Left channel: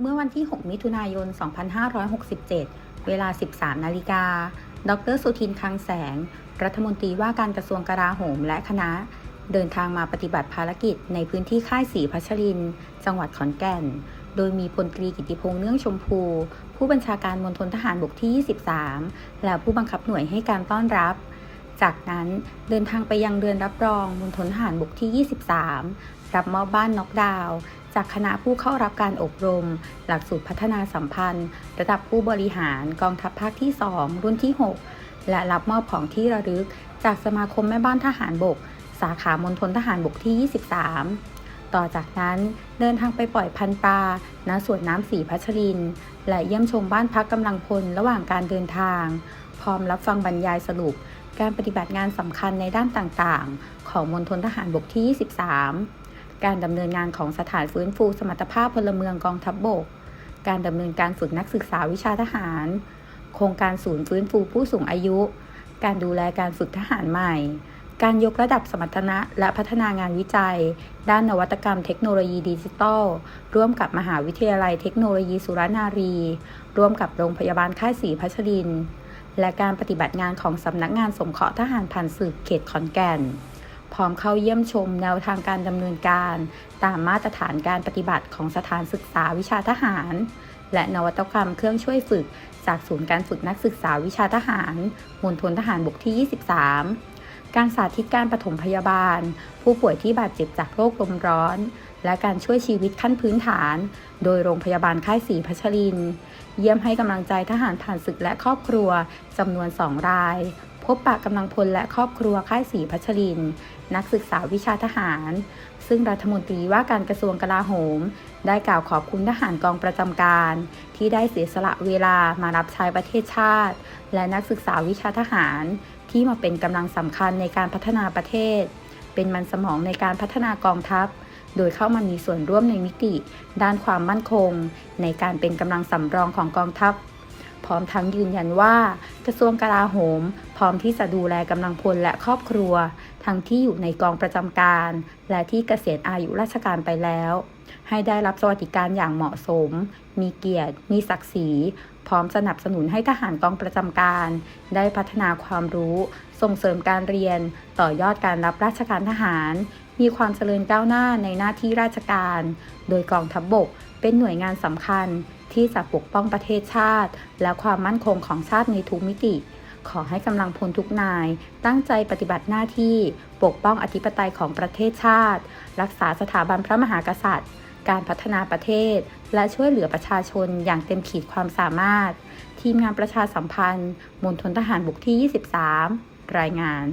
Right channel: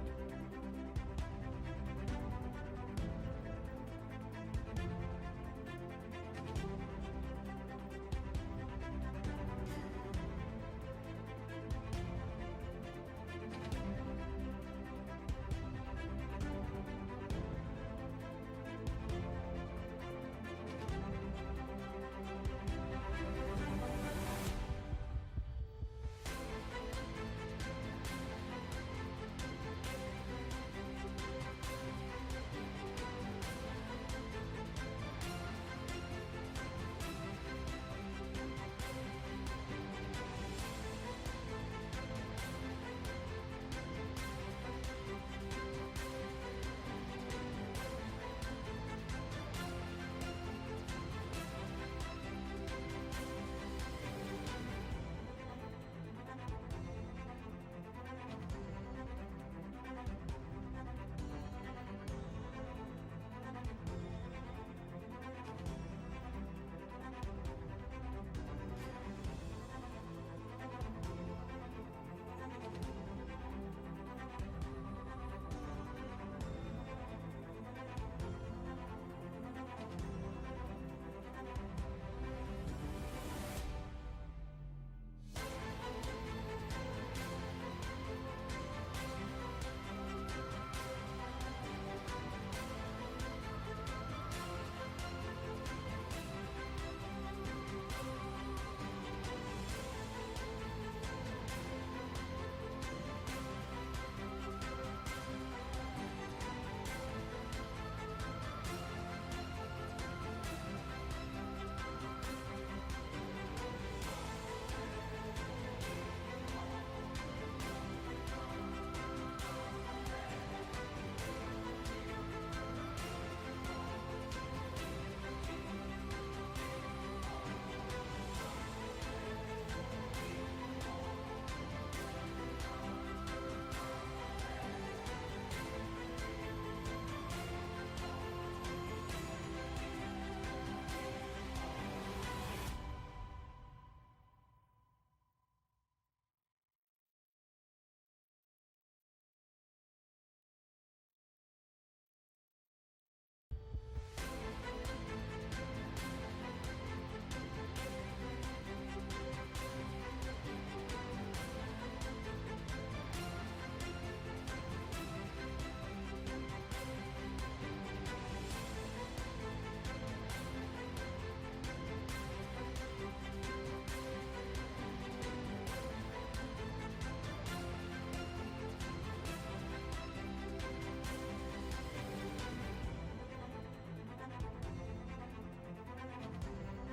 เมื่อวันที่ 6 มิถุนายน 2567 เวลา 13 นาฬิกา ดร สุทินคังแสง รัฐมนตรีว่าการกระทรวงกลาโหมและคณะ เดินทางมาปฏิบัติภารกิจในพื้นที่ค่ายศรีพัชริน จังหวัดขอนแก่น โดยมีพลตรีกิติพงษ์เนื่องชมพู ผู้บัญชาการมณฑลทหารบกที่ 23 และผู้บังคับหน่วยให้การต้อนรับจากนั้นเดินทางไปยังเรือนรับรองมณฑลทหารบกที่ 23 รับมอบบ้านน็อกดาวน์ จากคณะผู้เข้ารับการอบรม หลักสูตรพัฒนาสัมพันธ์ ระดับผู้บริหารกองทัพภาคที่ 2 รุ่นที่ 6 และรับมอบของที่ระลึก จากสมาคมแม่บ้านทหารบก สาขามณฑลทหารบกที่ 23 ต่อจากนั้นเดินทางไปปล่อยพันธุ์ปลาณสวนน้ำสีพัชริน และเยี่ยมชมบ้านพักกำลังพลระหว่างการเดินทาง พร้อมรับฟังบรรยายสรุป การปฏิบัติงานสำคัญในด้านต่างๆ ของมณฑลทหารบกที่ 23 การดำเนินงานของสถานฟื้นฟูสมรรถภาพพลเมืองกองทัพบบก การดำเนินการฝึกนักศึกษาวิชาทหาร โครงการศูนย์ฟื้นฟูผู้สูงอายุ การดูแลการฝึกทหารใหม่ การยกระดับสมรรถนะและพัฒนางานวิจัย ด้านนวัตกรรมเทคโนโลยีดิจิทัล ร่วมกับมหาวิทยาลัยเทคโนโลยีสุรนารี ร่วมกับโรงพยาบาลค่ายศรีพัชรินและการปฏิบัติงานของสำนักงานสงเคราะห์ทหารผ่านศึกเขตขอนแก่น พร้อมเข้าเยี่ยมชมแนวทางการดำเนินการ ตามมาตรฐานการปฏิบัติของสถานศึกษาวิชาทหาร และนวัตกรรมเครื่องช่วยฝึก จากศูนย์การฝึกนักศึกษาวิชาทหารมณฑลทหารบกที่ 23 การสาธิตการปฐมพยาบาล ผู้ป่วยที่บาดเจ็บจากโรคลมร้อน และการช่วยชีวิตขั้นพื้นฐาน โดยโรงพยาบาลค่ายศรีพัชริน เยี่ยมให้กำลังใจทหารผ่านศึกและครอบครัวจำนวน 2 ราย บปะกำลังพลและครอบครัวค่ายศรีพัชริน นักศึกษาวิชาทหาร ซึ่งรัฐมนตรีว่าการกระทรวงกลาโหม ได้กล่าวขอบคุณทหารกองประจำการ ที่ได้เสียสละเวลามารับใช้ประเทศชาติ และนักศึกษาวิชาทหาร ที่มาเป็นกำลังสำคัญในการพัฒนาประเทศ เป็นมันสมองในการพัฒนากองทัพ โดยเข้ามามีส่วนร่วมในมิติ ด้านความมั่นคง ในการเป็นกำลังสำรองของกองทัพ ร้อมทั้งยืนยันว่า กระทรวงกลาโหม พร้อมที่จะดูแลกำลังพลและครอบครัว ทั้งที่อยู่ในกองประจำการ และที่เกษียณอายุราชการไปแล้ว ให้ได้รับสวัสดิการอย่างเหมาะสม มีเกียรติ มีศักดิ์ศรี พร้อมสนับสนุนให้ทหารกองประจำการ ได้พัฒนาความรู้ ส่งเสริมการเรียน ต่อยอดการรับราชการทหาร มีความเจริญก้าวหน้าในหน้าที่ราชการ โดยกองทัพบบกเป็นหน่วยงานสำคัญ ที่จะปกป้องประเทศชาติ และความมั่นคงของชาติในทุกมิติ ขอให้กำลังพลทุกนาย ตั้งใจปฏิบัติหน้าที่ ปกป้องอธิปไตยของประเทศชาติ รักษาสถาบันพระมหากษัตริย์ การพัฒนาประเทศ และช่วยเหลือประชาชนอย่างเต็มขีดความสามารถ ทีมงานประชาสัมพันธ์มณฑลทหารบกที่ 23 รายงาน